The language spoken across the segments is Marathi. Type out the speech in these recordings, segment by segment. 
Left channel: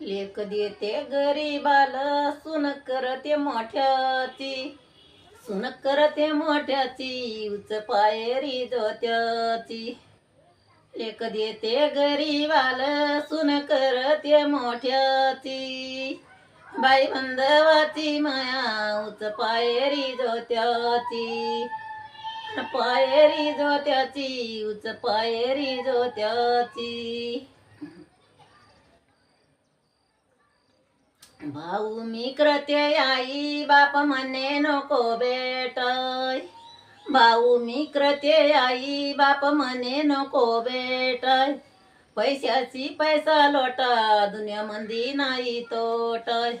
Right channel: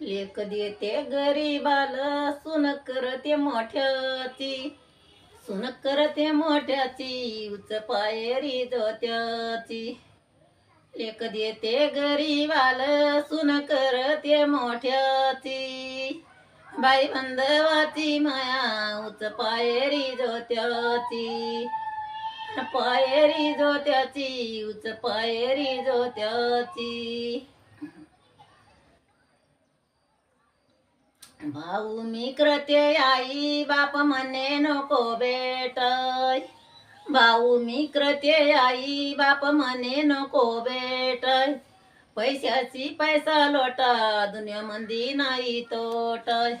लेख देते गरीबाल सुन करते मोठ्याची. सुन करते मोठ्याची उच पायरी जोत्याची लेख देते गरीबाल सुन करते मोठ्याची. बाई बंधवाची माया उच पायरी जोत्याची पायरी जोत्याची उच पायरी जोत्याची भाऊ मी क्रते आई बाप म्हणे नको बेटय भाऊ मी क्रते आई बाप म्हणे नको बेटय पैशाची पैसा लोटा मंदी नाही तोटय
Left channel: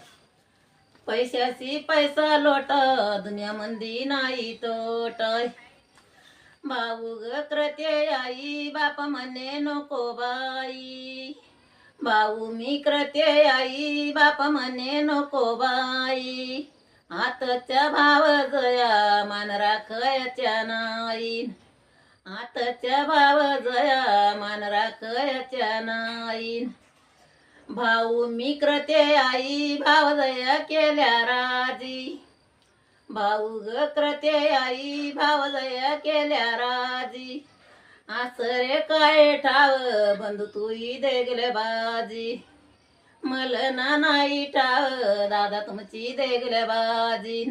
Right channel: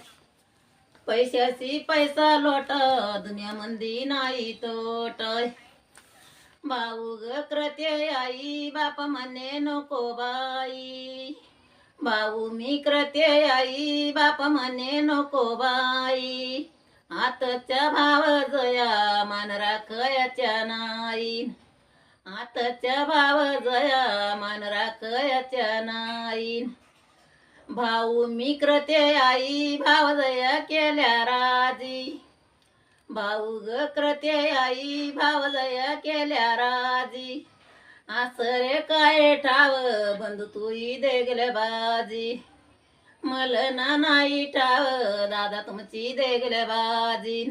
पैशाची पैसा लोटा मंदी नाही तोटय भाऊ ग क्रते आई बाप म्हणे नको बाई. भाऊ मी आई बाप म्हणे नको बाई. आताच्या भाव जया मान राखयाच्या नाही. आताच्या भाव जया मान राखयाच्या नाही. भाऊ मी क्रते आई भाव जया केल्या राजी. भाऊ ग क्रते आई भाव जया केल्या राजी. आसरे काय ठाव बंधू तुई देगले बाजी. मलना नाही ठाव दादा तुमची देगले बाजी.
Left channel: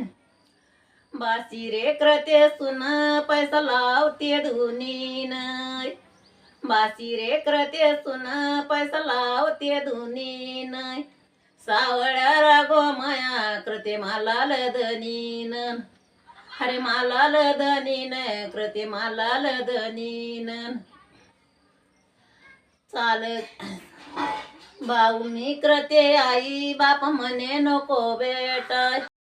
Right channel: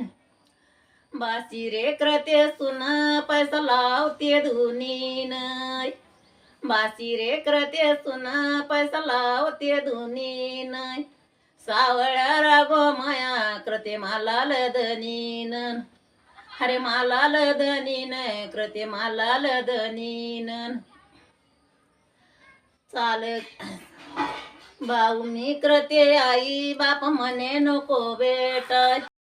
बाशी रे क्रते सुन पैसा लावते धुनीन. बाशी रे करते सुन पैसा लावते धुनीन. सावळ्या रागो माया कृते मला लदनीन हरे माला लदनीन कृते माला लदनीन चाल. भाऊ मी करते आई बाप म्हणे नको बेटा